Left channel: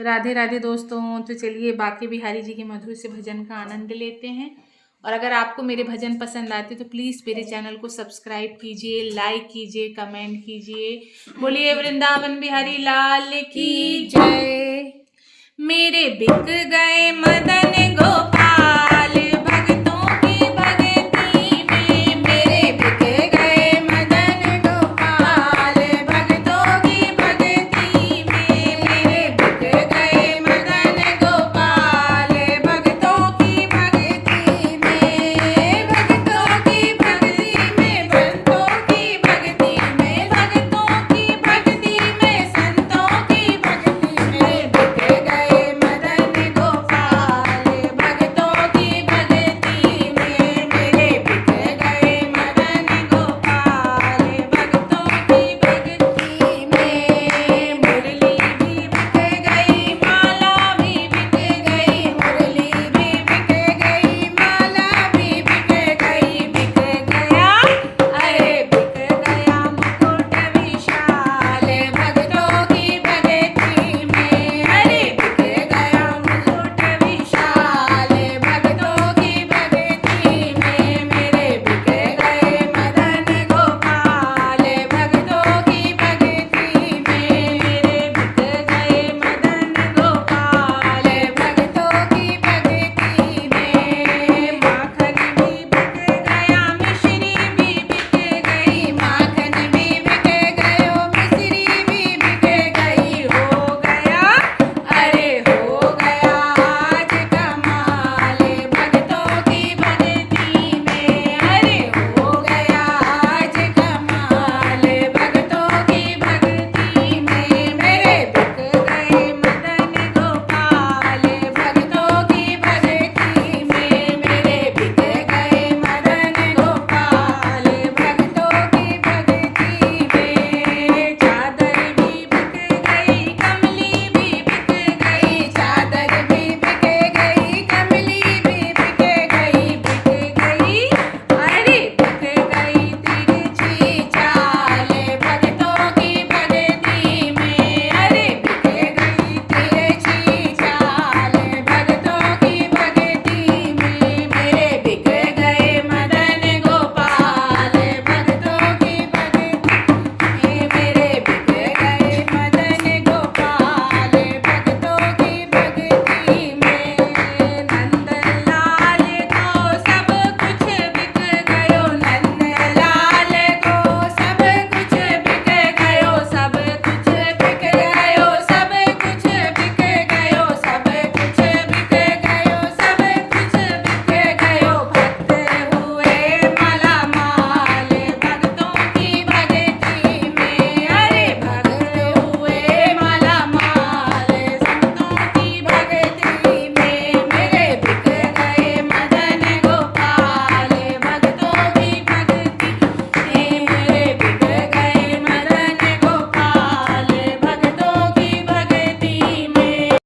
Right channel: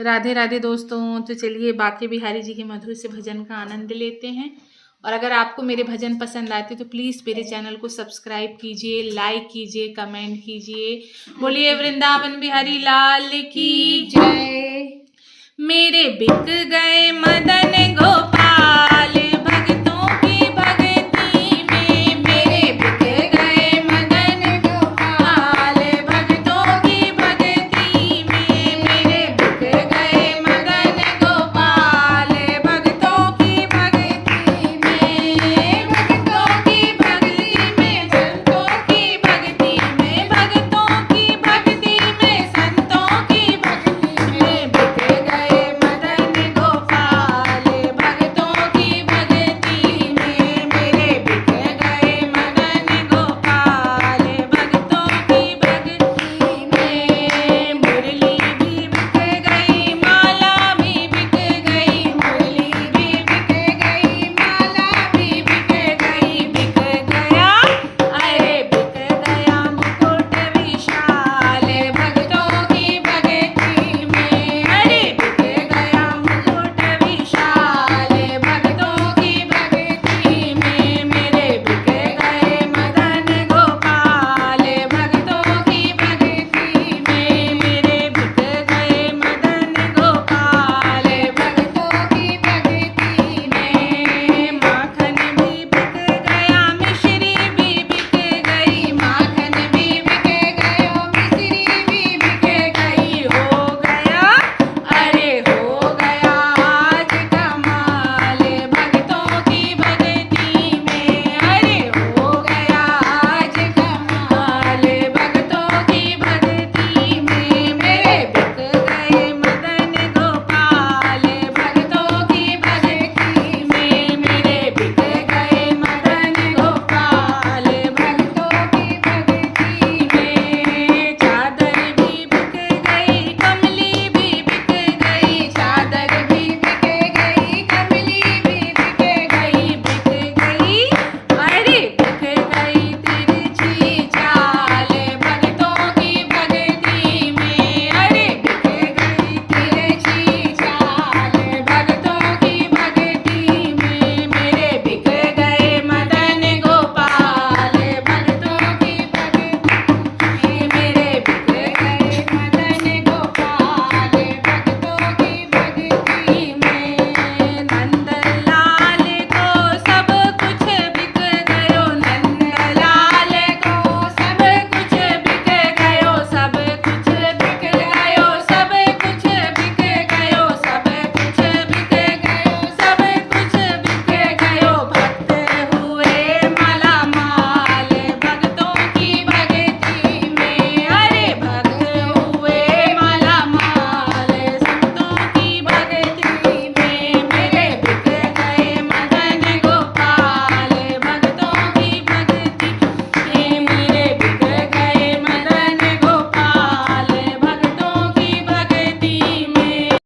राधे राधे दोस्तों। तो चलिए बाके बिहारी जी के मधुर से भजन का आनंद लेते हैं। और अगर आपको मेरे भजन पसंद आते तो प्लीज़ मेरे चैनल को सब्सक्राइब कीजिए, लाइक कीजिए, कमेंट कीजिए। बोलिए वृंदावन बिहारी लाल की जय। मेरे बिक गए मदन